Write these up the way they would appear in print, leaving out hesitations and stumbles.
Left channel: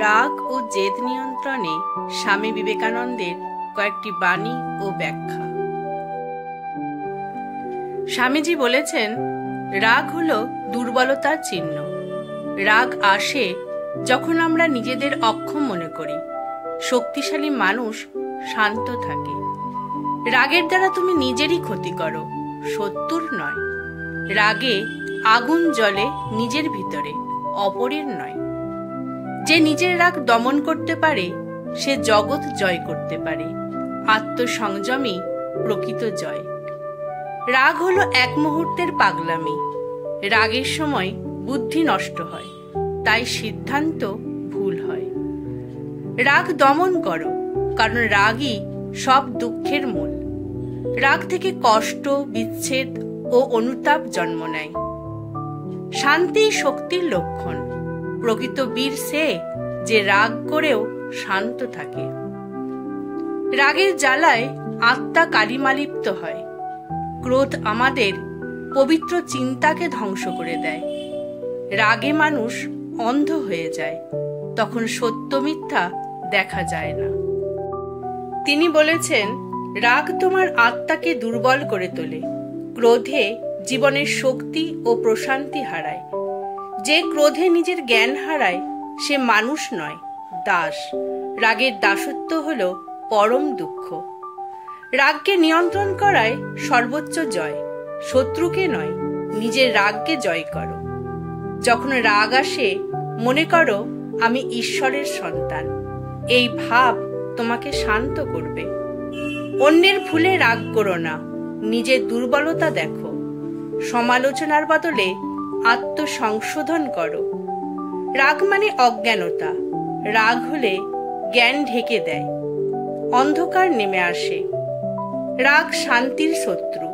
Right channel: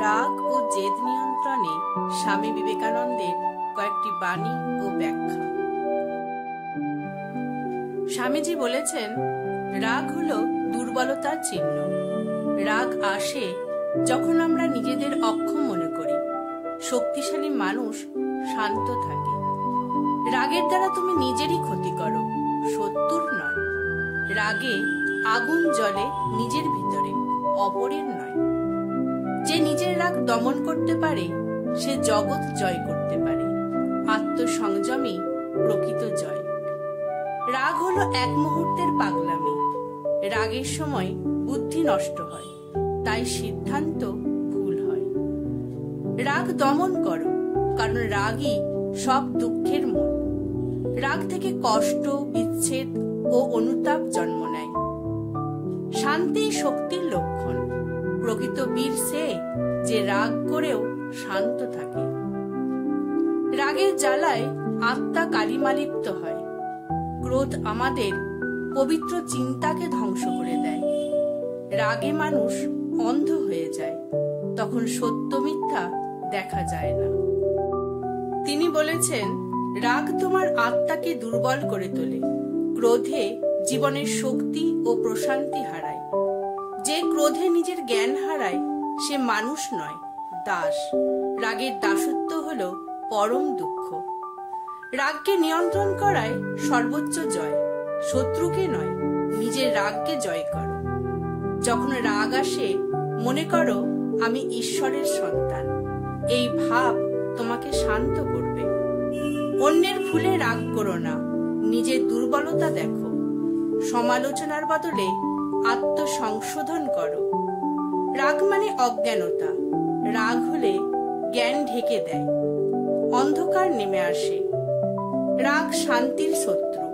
রাগ ও জেদ নিয়ন্ত্রণে স্বামী বিবেকানন্দের কয়েকটি বাণী ও ব্যাখ্যা। স্বামীজি বলেছেন, রাগ হলো দুর্বলতার চিহ্ন। রাগ আসে যখন আমরা নিজেদের অক্ষম মনে করি। শক্তিশালী মানুষ শান্ত থাকে। রাগের দ্বারা তুমি নিজেরই ক্ষতি করো, শত্রুর নয়। রাগে আগুন জ্বলে নিজের ভিতরে, অপরের নয়। যে নিজের রাগ দমন করতে পারে সে জগৎ জয় করতে পারে। আত্মসংযমই প্রকৃত জয়। রাগ হলো এক মুহূর্তের পাগলামি। রাগের সময় বুদ্ধি নষ্ট হয়, তাই সিদ্ধান্ত ভুল হয়। রাগ দমন করো, কারণ রাগই সব দুঃখের মূল। রাগ থেকে কষ্ট, বিচ্ছেদ ও অনুতাপ জন্ম নেয়। শান্তি শক্তির লক্ষণ। প্রকৃত বীর সে যে রাগ করেও শান্ত থাকে। রাগের জ্বালায় আত্মা কালিমালিপ্ত হয়। ক্রোধ আমাদের পবিত্র চিন্তাকে ধ্বংস করে দেয়। রাগে মানুষ অন্ধ হয়ে যায়, তখন সত্য মিথ্যা দেখা যায় না। তিনি বলেছেন, রাগ তোমার আত্মাকে দুর্বল করে তোলে। ক্রোধে জীবনের শক্তি ও প্রশান্তি হারায়। যে ক্রোধে নিজের জ্ঞান হারায় সে মানুষ নয়, দাস। রাগের দাসত্ব হল পরম দুঃখ। রাগকে নিয়ন্ত্রণ করায় সর্বোচ্চ জয়। শত্রুকে নয়, নিজের রাগকে জয় করো। যখন রাগ আসে মনে করো আমি ঈশ্বরের সন্তান। এই ভাব তোমাকে শান্ত করবে। অন্যের ভুলে রাগ করো না, নিজের দুর্বলতা দেখো। সমালোচনার বদলে আত্মসংশোধন করো। রাগ মানে অজ্ঞানতা। রাগ হলে জ্ঞান ঢেকে দেয়, অন্ধকার নেমে আসে। রাগ শান্তির শত্রু।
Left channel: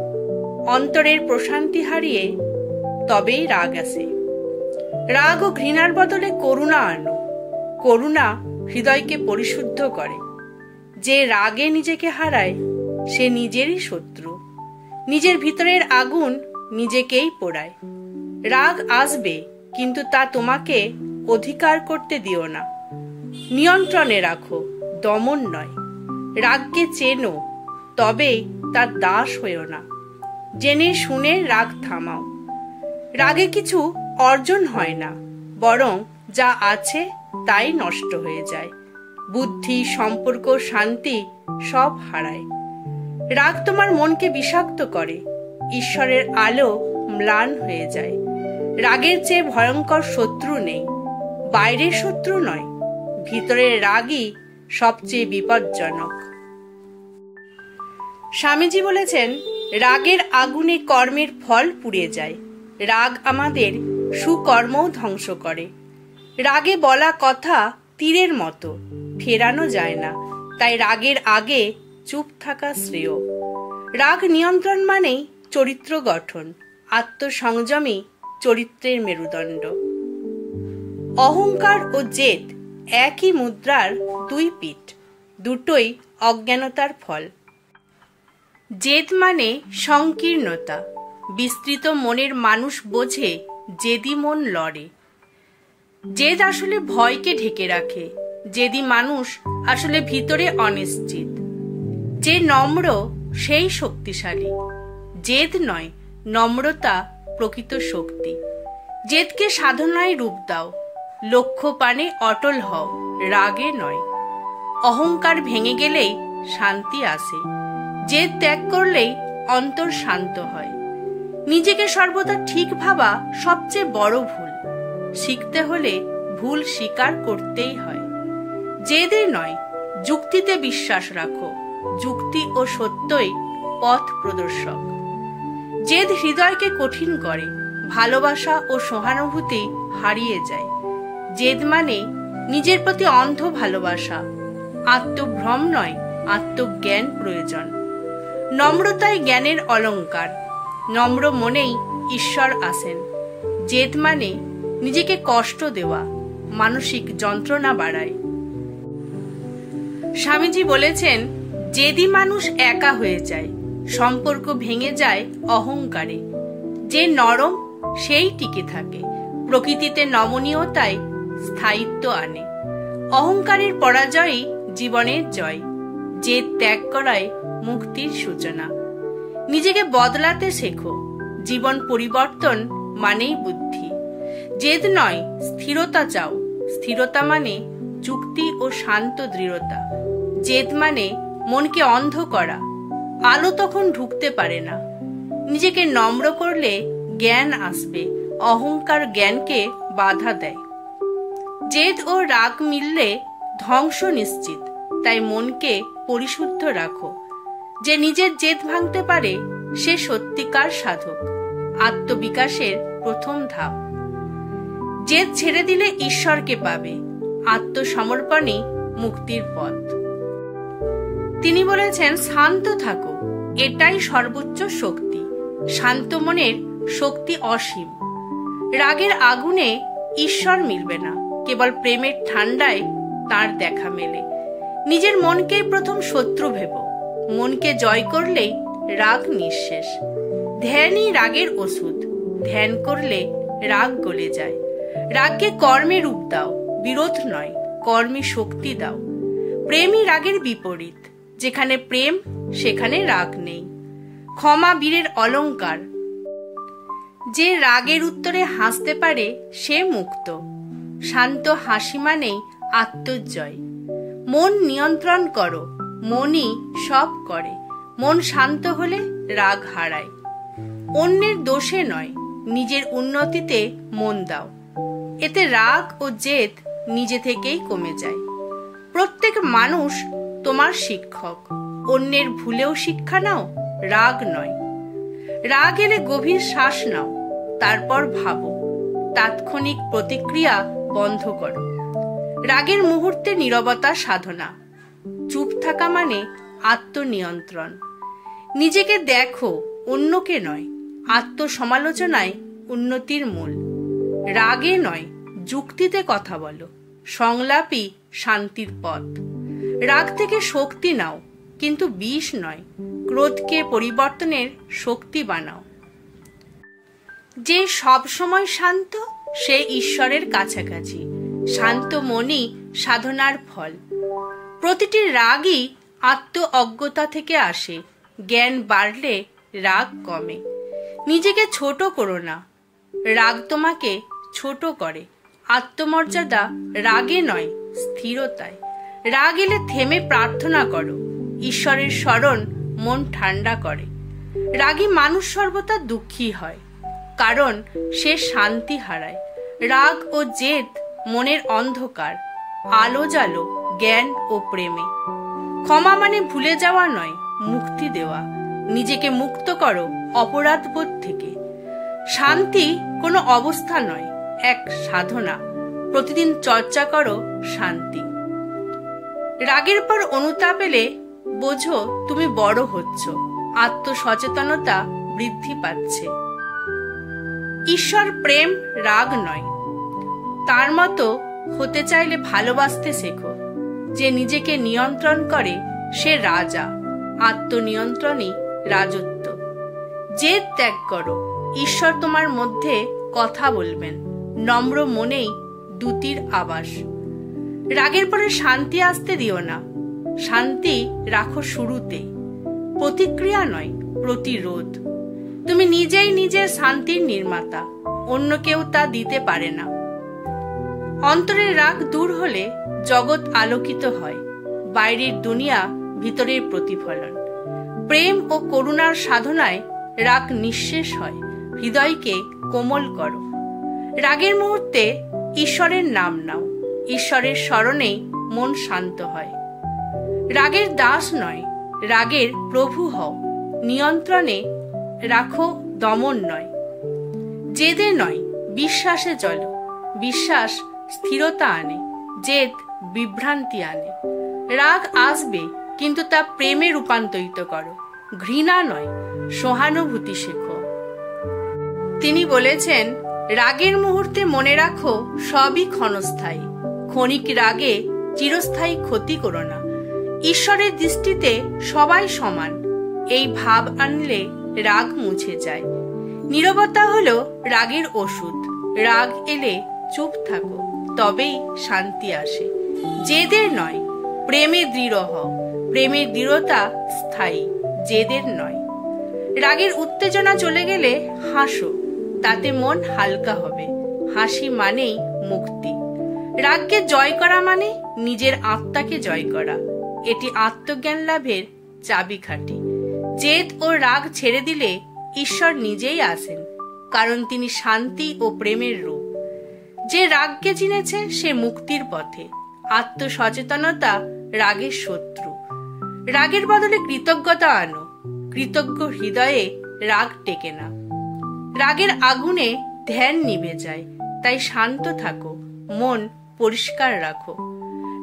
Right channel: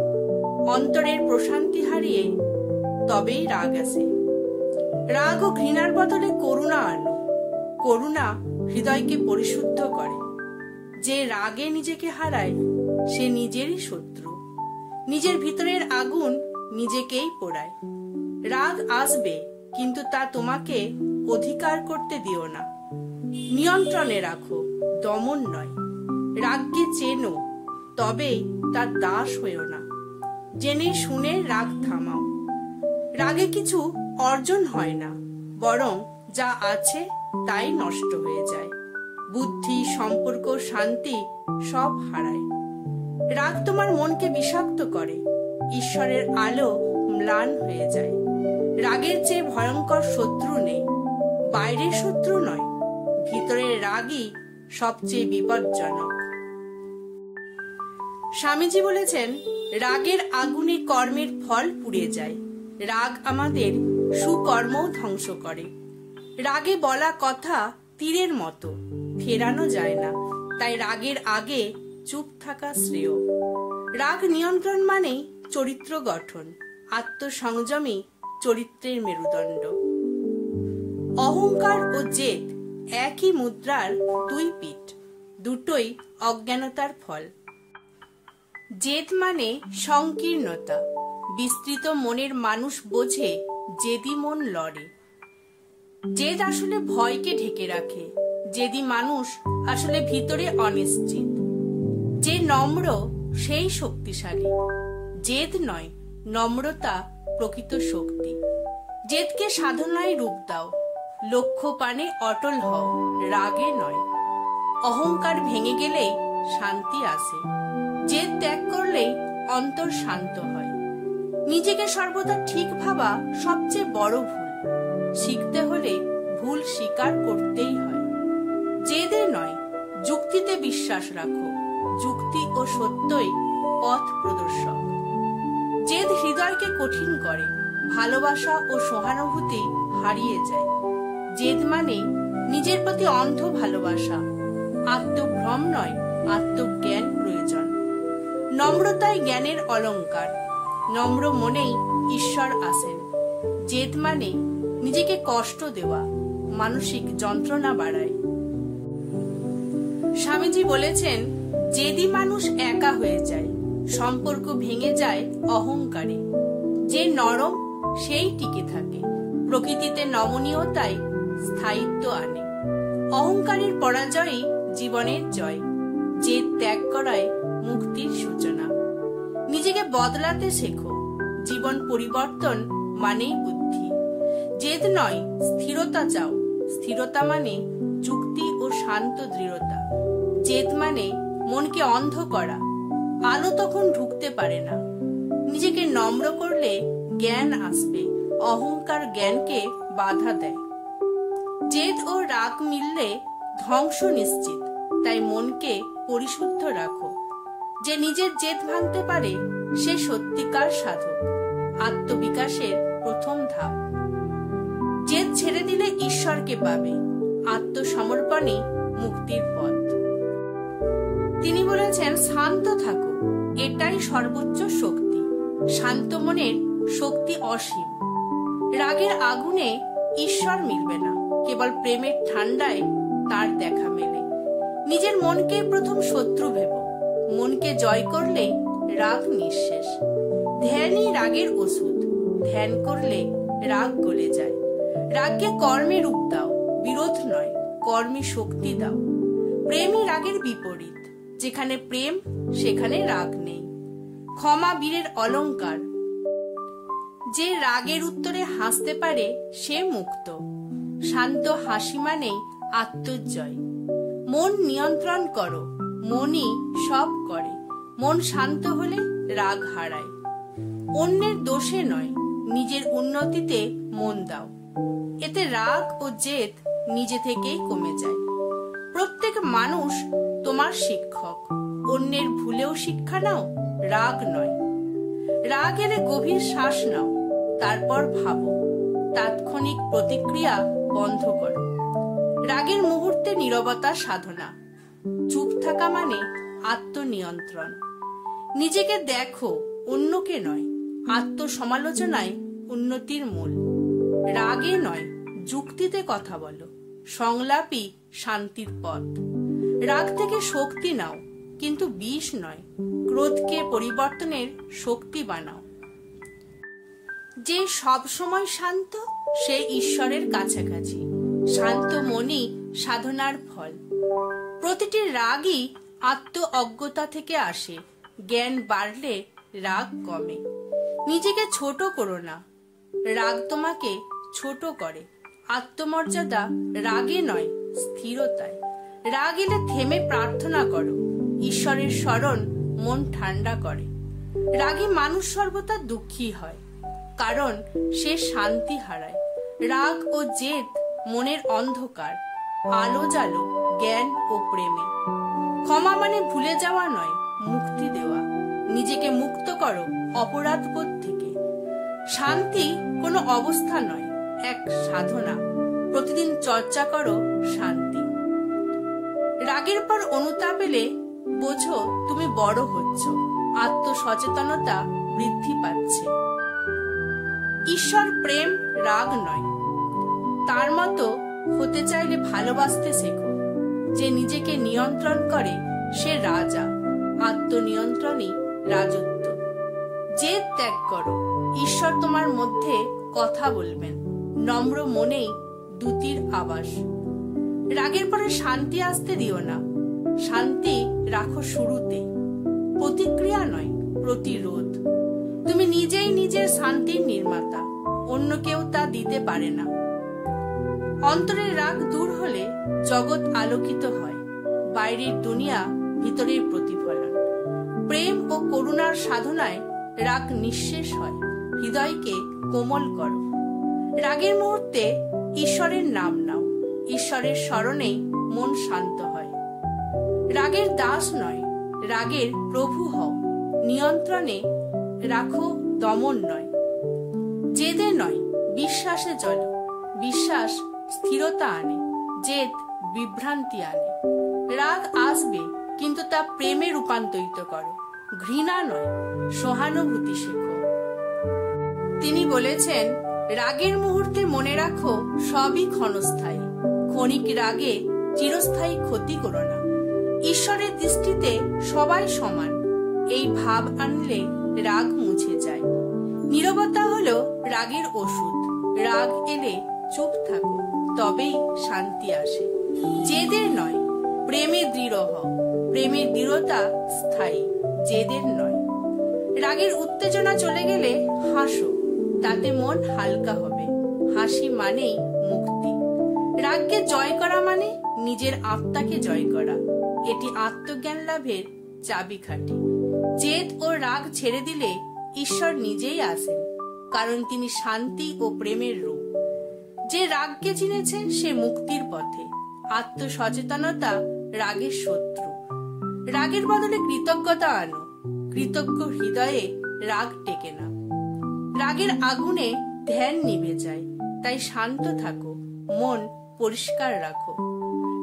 অন্তরের প্রশান্তি হারিয়ে তবেই রাগ আসে। রাগ ও ঘৃণার বদলে করুণা আনো। করুণা হৃদয়কে পরিশুদ্ধ করে। যে রাগে নিজেকে হারায় সে নিজেরই শত্রু। নিজের ভিতরের আগুন নিজেকেই পোড়ায়। রাগ আসবে, কিন্তু তা তোমাকে অধিকার করতে দিও না। নিয়ন্ত্রণে রাখো, দমন নয়। রাগকে চেনো, তবে তার দাস হয়েও না। জেনে শুনে রাগ থামাও। রাগে কিছু অর্জন হয় না, বরং যা আছে তাই নষ্ট হয়ে যায়। বুদ্ধি, সম্পর্ক, শান্তি সব হারায়। রাগ তোমার মনকে বিষাক্ত করে। ঈশ্বরের আলো ম্লান হয়ে যায়। রাগের চেয়ে ভয়ঙ্কর শত্রু নেই। বাইরের শত্রু নয়, ভিতরের রাগই সবচেয়ে বিপজ্জনক। স্বামীজি বলেছেন, রাগের আগুনে কর্মের ফল পুড়ে যায়। রাগ আমাদের সুকর্মও ধ্বংস করে। রাগে বলা কথা তীরের মতো, ফেরানো যায় না। তাই রাগের আগে চুপ থাকা শ্রেয়। রাগ নিয়ন্ত্রণ মানেই চরিত্র গঠন। আত্মসংযমী চরিত্রের মেরুদণ্ড। অহংকার ও জেদ একই মুদ্রার দুই পিঠ। দুটোই অজ্ঞানতার ফল। জেদ মানে সংকীর্ণতা। বিস্তৃত মনের মানুষ বোঝে, জেদি মন লড়ে। জেদ আসলে ভয়কে ঢেকে রাখে। জেদি মানুষ আসলে ভিতরে অনিশ্চিত। যে নম্র সেই শক্তিশালী। জেদ নয়, নম্রতা প্রকৃত শক্তি। জেদকে সাধনায় রূপ দাও। লক্ষ্য পানে অটল হও, রাগে নয়। অহংকার ভেঙে গেলেই শান্তি আসে। জেদ ত্যাগ করলেই অন্তর শান্ত হয়। নিজেকে সর্বদা ঠিক ভাবা সবচেয়ে বড় ভুল। শিখতে হলে ভুল স্বীকার করতেই হয়। জেদে নয়, যুক্তিতে বিশ্বাস রাখো। যুক্তি ও সত্যই পথ প্রদর্শক। জেদ হৃদয়কে কঠিন করে। ভালোবাসা ও সহানুভূতি হারিয়ে যায়। জেদ মানে নিজের প্রতি অন্ধ ভালোবাসা। আত্মভ্রম নয়, আত্মজ্ঞান প্রয়োজন। নম্রতাই জ্ঞানের অলংকার। নম্র মনেই ঈশ্বর আসেন। জেদ মানে নিজেকে কষ্ট দেওয়া, মানসিক যন্ত্রণা বাড়ায়। স্বামীজি বলেছেন, জেদি মানুষ একা হয়ে যায়। সম্পর্ক ভেঙে যায় অহংকারে। যে নরম সেই টিকে থাকে। প্রকৃতিতে নমনীয়তাই স্থায়িত্ব আনে। অহংকারের পরাজয়ই জীবনের জয়। জেদ ত্যাগ করায় মুক্তির সূচনা। নিজেকে বদলাতে শেখো। জীবন পরিবর্তন মানেই বুদ্ধি। জেদ নয়, স্থিরতা চাও। স্থিরতা মানে যুক্তি ও শান্ত দৃঢ়তা। জেদ মানে মনকে অন্ধ করা, আলো তখন ঢুকতে পারে না। নিজেকে নম্র করলে জ্ঞান আসবে, অহংকার জ্ঞানকে বাধা দেয়। জেদ ও রাগ মিললে ধ্বংস নিশ্চিত, তাই মনকে পরিশুদ্ধ রাখো। যে নিজের জেদ ভাঙতে পারে সে সত্যিকার সাধক। আত্মবিকাশের প্রথম ধাপ। জেদ ছেড়ে দিলে ঈশ্বরকে পাবে। আত্মসমর্পণই মুক্তির পথ। তিনি বলেছেন, শান্ত থাকো, এটাই সর্বোচ্চ শক্তি। শান্ত মনের শক্তি অসীম। রাগের আগুনে ঈশ্বর মিলবে না, কেবল প্রেমের ঠান্ডায় তার দেখা মেলে। নিজের মনকেই প্রথম শত্রু ভেবো। মনকে জয় করলেই রাগ নিঃশেষ। ধ্যানই রাগের ওষুধ। ধ্যান করলে রাগ গলে যায়। রাগকে কর্মে রূপ দাও, বিরোধ নয়, কর্মে শক্তি দাও। প্রেমই রাগের বিপরীত। যেখানে প্রেম সেখানে রাগ নেই। ক্ষমা বীরের অলংকার। যে রাগের উত্তরে হাসতে পারে সে মুক্ত। শান্ত হাসি মানেই আত্মজয়। মন নিয়ন্ত্রণ করো, মনই সব করে। মন শান্ত হলে রাগ হারায়। অন্যের দোষে নয়, নিজের উন্নতিতে মন দাও। এতে রাগ ও জেদ নিজে থেকেই কমে যায়। প্রত্যেক মানুষ তোমার শিক্ষক। অন্যের ভুলেও শিক্ষা নাও, রাগ নয়। রাগ এলে গভীর শ্বাস নাও, তারপর ভাবো। তাৎক্ষণিক প্রতিক্রিয়া বন্ধ করো। রাগের মুহূর্তে নীরবতা সাধনা। চুপ থাকা মানে আত্মনিয়ন্ত্রণ। নিজেকে দেখো, অন্যকে নয়। আত্মসমালোচনায় উন্নতির মূল। রাগে নয়, যুক্তিতে কথা বলো। সংলাপই শান্তির পথ। রাগ থেকে শক্তি নাও, কিন্তু বিষ নয়। ক্রোধকে পরিবর্তনের শক্তি বানাও। যে সব সময় শান্ত সে ঈশ্বরের কাছাকাছি। শান্ত মনই সাধনার ফল। প্রতিটি রাগই আত্ম অজ্ঞতা থেকে আসে। জ্ঞান বাড়লে রাগ কমে। নিজেকে ছোট করো না, রাগ তোমাকে ছোট করে। আত্মমর্যাদা রাগে নয়, স্থিরতায়। রাগ এলে থেমে প্রার্থনা করো। ঈশ্বরের স্মরণ মন ঠান্ডা করে। রাগী মানুষ সর্বদা দুঃখী হয়, কারণ সে শান্তি হারায়। রাগ ও জেদ মনের অন্ধকার। আলো জ্বালো জ্ঞান ও প্রেমে। ক্ষমা মানে ভুলে যাওয়া নয়, মুক্তি দেওয়া। নিজেকে মুক্ত করো অপরাধ বোধ থেকে। শান্তি কোনো অবস্থা নয়, এক সাধনা। প্রতিদিন চর্চা করো শান্তি। রাগের পর অনুতাপ এলে বোঝো তুমি বড় হচ্ছ। আত্মসচেতনতা বৃদ্ধি পাচ্ছে। ঈশ্বর প্রেম, রাগ নয়। তার মতো হতে চাইলে ভালোবাসতে শেখো। যে নিজেকে নিয়ন্ত্রণ করে সে রাজা। আত্মনিয়ন্ত্রণই রাজত্ব। জেদ ত্যাগ করো, ঈশ্বর তোমার মধ্যে কথা বলবেন। নম্র মনেই দ্যুতির আবাস। রাগের পরে শান্তি আসতে দিও না। শান্তি রাখো শুরুতে। প্রতিক্রিয়া নয়, প্রতিরোধ। তুমি নিজেই নিজের শান্তির নির্মাতা। অন্য কেউ তা দিতে পারে না। অন্তরের রাগ দূর হলে জগৎ আলোকিত হয়। বাইরের দুনিয়া ভিতরের প্রতিফলন। প্রেম ও করুণার সাধনায় রাগ নিঃশেষ হয়। হৃদয়কে কোমল করো। রাগের মুহূর্তে ঈশ্বরের নাম নাও। ঈশ্বরের স্মরণে মন শান্ত হয়। রাগের দাস নয়, রাগের প্রভু হও। নিয়ন্ত্রণে রাখো, দমন নয়। জেদে নয়, বিশ্বাসে চলো। বিশ্বাস স্থিরতা আনে, জেদ বিভ্রান্তি আনে। রাগ আসবে, কিন্তু তা প্রেমে রূপান্তরিত করো। ঘৃণা নয়, সহানুভূতি শেখো। তিনি বলেছেন, রাগের মুহূর্তে মনে রাখো সবই ক্ষণস্থায়ী। ক্ষণিক রাগে চিরস্থায়ী ক্ষতি করো না। ঈশ্বরের দৃষ্টিতে সবাই সমান। এই ভাব আনলে রাগ মুছে যায়। নীরবতা হলো রাগের ওষুধ। রাগ এলে চুপ থাকো, তবেই শান্তি আসে। জেদের নয়, প্রেমে দৃঢ় হও। প্রেমের দৃঢ়তা স্থায়ী, জেদের নয়। রাগের উত্তেজনা চলে গেলে হাসো, তাতে মন হালকা হবে। হাসি মানেই মুক্তি। রাগকে জয় করা মানে নিজের আত্মাকে জয় করা। এটি আত্মজ্ঞান লাভের চাবিকাঠি। জেদ ও রাগ ছেড়ে দিলে ঈশ্বর নিজেই আসেন, কারণ তিনি শান্তি ও প্রেমের রূপ। যে রাগকে চিনেছে সে মুক্তির পথে। আত্মসচেতনতা রাগের শত্রু। রাগের বদলে কৃতজ্ঞতা আনো। কৃতজ্ঞ হৃদয়ে রাগ টেকে না। রাগের আগুনে ধ্যান নিভে যায়, তাই শান্ত থাকো, মন পরিষ্কার রাখো।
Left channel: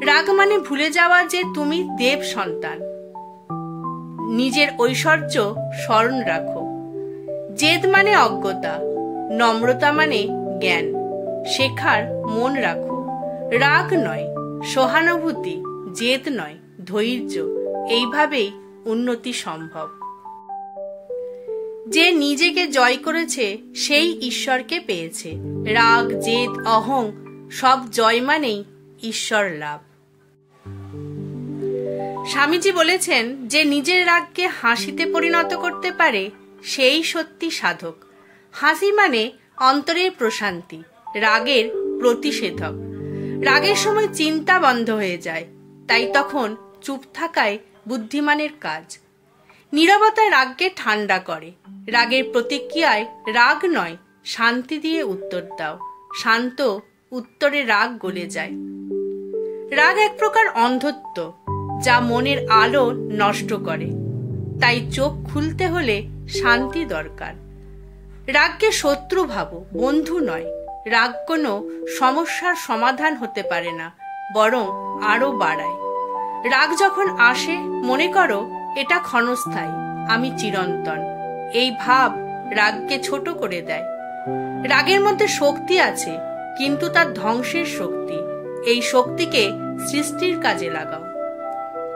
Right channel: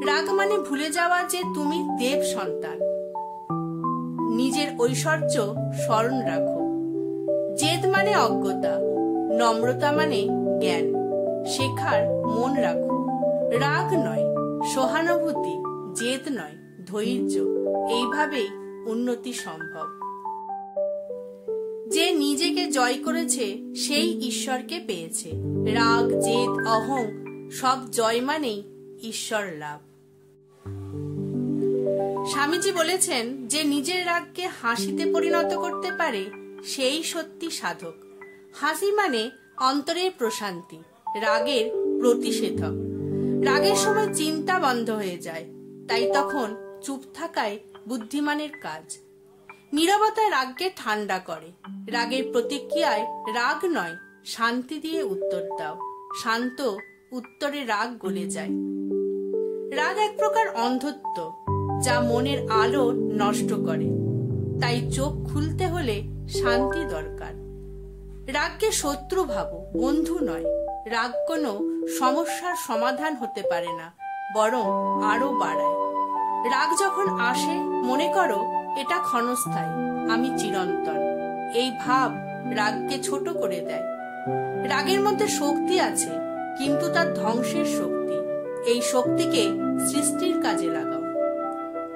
রাগ মানে ভুলে যাওয়া যে তুমি দেব সন্তান। নিজের ঐশ্বর্য স্মরণ রাখো। জেদ মানে অজ্ঞতা, নম্রতা মানে জ্ঞান। শেখার মন রাখো। রাগ নয় সহানুভূতি, জেদ নয় ধৈর্য। এইভাবেই উন্নতি সম্ভব। যে নিজেকে জয় করেছে সেই ঈশ্বরকে পেয়েছে। রাগ, জেদ, অহং সব জয় মানেই ঈশ্বর লাভ। স্বামীজি বলেছেন, যে নিজের রাগকে হাসিতে পরিণত করতে পারে সেই সত্যি সাধক। হাসি মানে অন্তরের প্রশান্তি, রাগের প্রতিষেধক। রাগের সময় চিন্তা বন্ধ হয়ে যায়, তাই তখন চুপ থাকাই বুদ্ধিমানের কাজ। নীরবতা রাগকে ঠান্ডা করে। রাগের প্রতিক্রিয়ায় রাগ নয়, শান্তি দিয়ে উত্তর দাও। শান্ত উত্তরে রাগ গলে যায়। রাগ এক প্রকার অন্ধত্ব, যা মনের আলো নষ্ট করে। তাই চোখ খুলতে হলে শান্তি দরকার। রাগকে শত্রু ভাবো, বন্ধু নয়। রাগ কোনো সমস্যার সমাধান হতে পারে না, বরং আরো বাড়ায়। রাগ যখন আসে মনে করো এটা ক্ষণস্থায়ী, আমি চিরন্তন। এই ভাব রাগকে ছোট করে দেয়। রাগের মধ্যে শক্তি আছে, কিন্তু তার ধ্বংসের শক্তি। এই শক্তিকে সৃষ্টির কাজে লাগাও।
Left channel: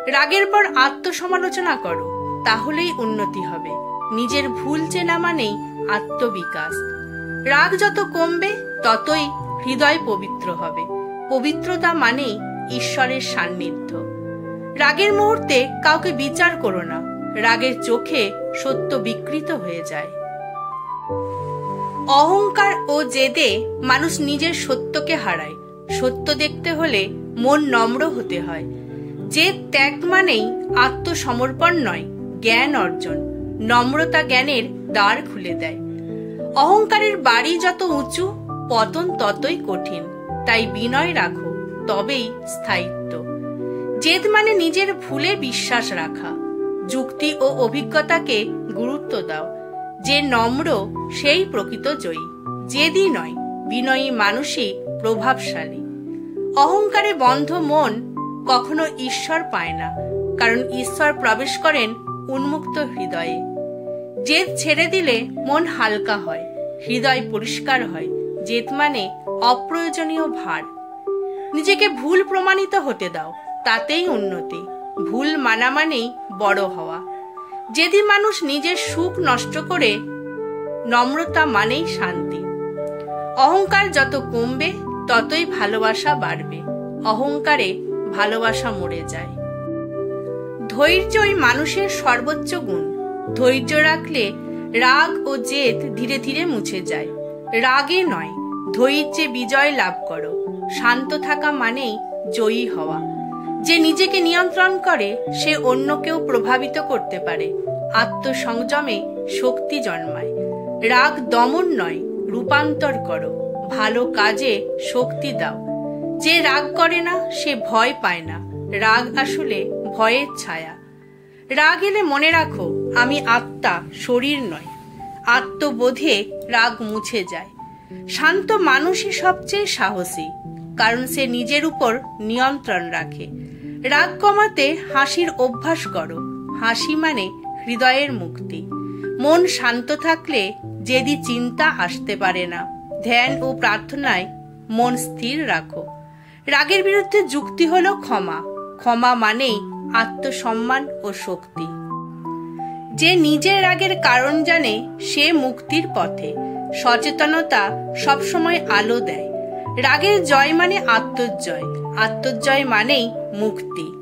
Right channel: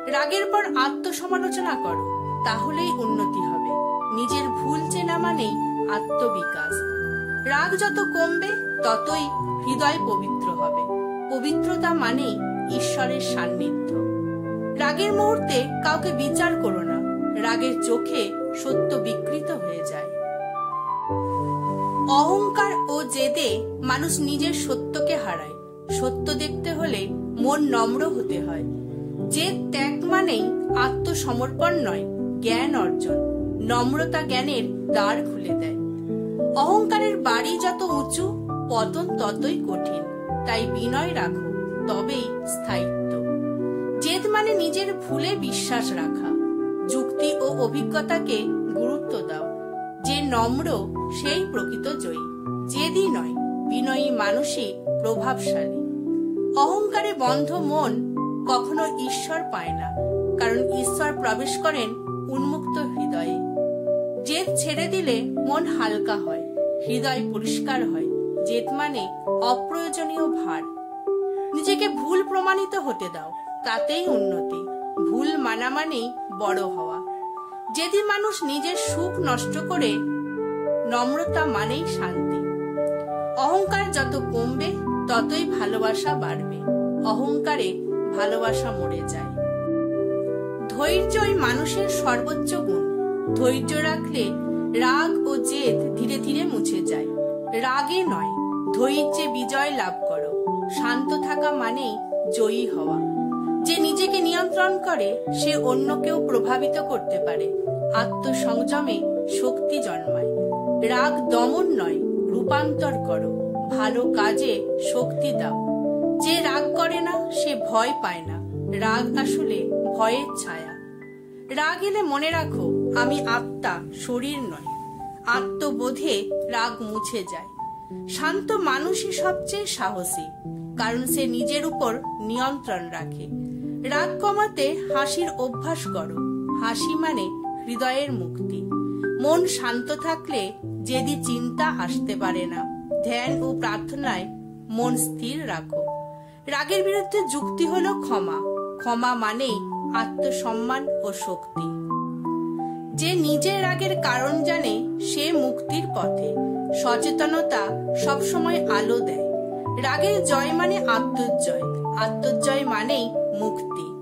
রাগের পর আত্মসমালোচনা করো, তাহলেই উন্নতি হবে। নিজের ভুল চেনা মানেই আত্মবিকাশ। রাগ যত কমবে ততই হৃদয় পবিত্র হবে। পবিত্রতা মানেই ঈশ্বরের সান্নিধ্য। রাগের মুহূর্তে কাউকে বিচার করো না। রাগের চোখে সত্য বিকৃত হয়ে যায়। অহংকার ও জেদে মানুষ নিজের সত্যকে হারায়। সত্য দেখতে হলে মন নম্র হতে হয়। জেদ ত্যাগ মানেই আত্মসমর্পণ নয়, জ্ঞান অর্জন। নম্রতা জ্ঞানের দ্বার খুলে দেয়। অহংকারের বাড়ি যত উঁচু, পতন ততই কঠিন। তাই বিনয় রাখো, তবেই স্থায়িত্ব। জেদ মানে নিজের ভুলে বিশ্বাস রাখা। যুক্তি ও অভিজ্ঞতাকে গুরুত্ব দাও। যে নম্র সেই প্রকৃত জয়ী। জেদি নয়, বিনয়ী মানুষই প্রভাবশালী। অহংকারে বন্ধ মন কখনো ঈশ্বর পায় না, কারণ ঈশ্বর প্রবেশ করেন উন্মুক্ত হৃদয়ে। জেদ ছেড়ে দিলে মন হালকা হয়, হৃদয় পরিষ্কার হয়। জেদ মানে অপ্রয়োজনীয় ভার। নিজেকে ভুল প্রমাণিত হতে দাও, তাতেই উন্নতি। ভুল মানা মানেই বড় হওয়া। যদি মানুষ নিজের সুখ নষ্ট করে, নম্রতা মানেই শান্তি। অহংকার যত কমবে ততই ভালোবাসা বাড়বে। অহংকারে ভালোবাসা মরে যায়। ধৈর্যই মানুষের সর্বোচ্চ গুণ। ধৈর্য রাখলে রাগ ও জেদ ধীরে ধীরে মুছে যায়। রাগে নয়, ধৈর্যে বিজয় লাভ করো। শান্ত থাকা মানেই জয়ী হওয়া। যে নিজেকে নিয়ন্ত্রণ করে সে অন্যকেও প্রভাবিত করতে পারে। আত্মসংযমে শক্তি জন্মায়। রাগ দমন নয়, রূপান্তর করো। ভালো কাজে শক্তি দাও। যে রাগ করে না সে ভয় পায় না। রাগ আসলে ভয়ের ছায়া। রাগ এলে মনে রাখো, আমি আত্মা, শরীর নয়। আত্মবোধে রাগ মুছে যায়। শান্ত মানুষই সবচেয়ে সাহসী, কারণ সে নিজের উপর নিয়ন্ত্রণ রাখে। রাগ কমাতে হাসির অভ্যাস করো। হাসি মানে হৃদয়ের মুক্তি। মন শান্ত থাকলে যেদি চিন্তা আসতে পারে না। ধ্যান ও প্রার্থনায় মন স্থির রাখো। রাগের বিরুদ্ধে যুক্তি হলো ক্ষমা। ক্ষমা মানেই আত্মসম্মান ও শক্তি। যে নিজের রাগের কারণ জানে সে মুক্তির পথে। সচেতনতা সবসময় আলো দেয়। রাগের জয় মানে আত্মজয়, আত্মজয় মানেই মুক্তি।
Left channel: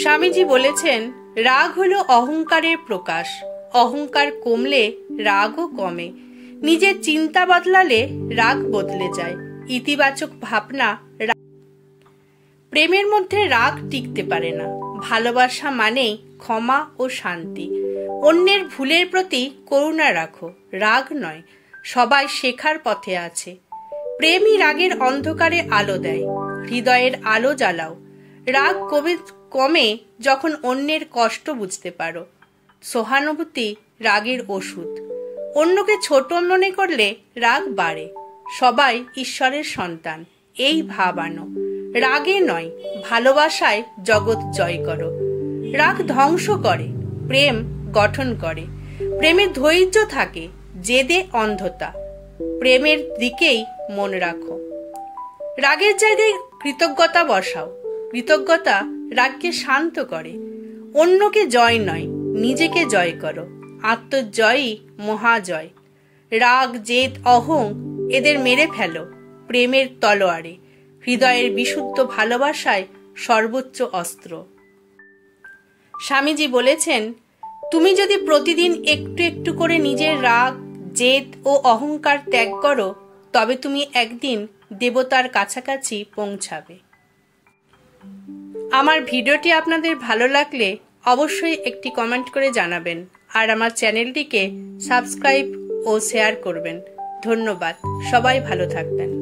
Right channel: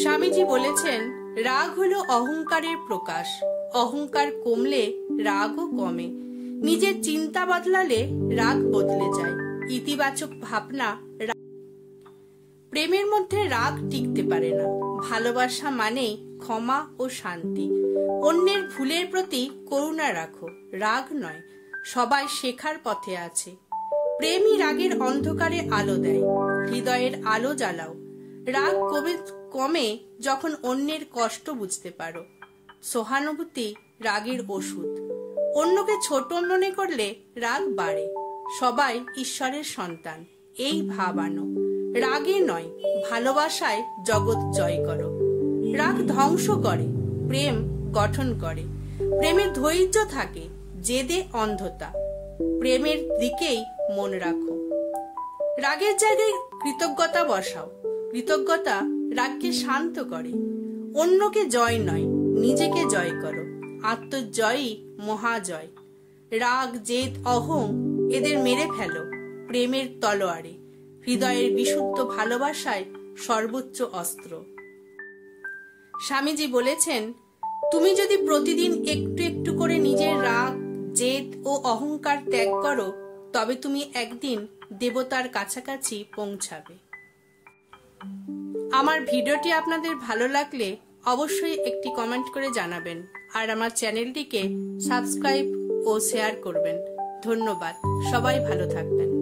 স্বামীজি বলেছেন, রাগ হলো অহংকারের প্রকাশ। অহংকার কমলে রাগও কমে। নিজের চিন্তা বদলালে রাগ বদলে যায়। ইতিবাচক ভাবনা। প্রেমের মধ্যে রাগ টিকতে পারে না। ভালোবাসা মানেই ক্ষমা ও শান্তি। অন্যের ভুলের প্রতি করুণা রাখো, রাগ নয়। সবাই শেখার পথে আছে। প্রেমই রাগের অন্ধকারে আলো দেয়। হৃদয়ের আলো জ্বালাও। রাগ কমে যখন অন্যের কষ্ট বুঝতে পারো। সহানুভূতি রাগের ওষুধ। অন্যকে ছোট মনে করলে রাগ বাড়ে। সবাই ঈশ্বরের সন্তান, এই ভাব আনো। রাগে নয়, ভালোবাসায় জগৎ জয় করো। রাগ ধ্বংস করে, প্রেম গঠন করে। প্রেমে ধৈর্য থাকে, জেদে অন্ধতা। প্রেমের দিকেই মন রাখো। রাগের জায়গায় কৃতজ্ঞতা বসাও। কৃতজ্ঞতা রাগকে শান্ত করে। অন্যকে জয় নয়, নিজেকে জয় করো। আত্মজয়ই মহাজয়। রাগ, জেদ, অহং এদের মেরে ফেলো প্রেমের তলোয়ারে। হৃদয়ের বিশুদ্ধ ভালোবাসায় সর্বোচ্চ অস্ত্র। স্বামীজি বলেছেন, তুমি যদি প্রতিদিন একটু একটু করে নিজের রাগ, জেদ ও অহংকার ত্যাগ করো, তবে তুমি একদিন দেবতার কাছাকাছি পৌঁছাবে। আমার ভিডিওটি আপনাদের ভালো লাগলে অবশ্যই একটি কমেন্ট করে জানাবেন, আর আমার চ্যানেলটিকে সাবস্ক্রাইব ও শেয়ার করবেন। ধন্যবাদ। সবাই ভালো থাকবেন।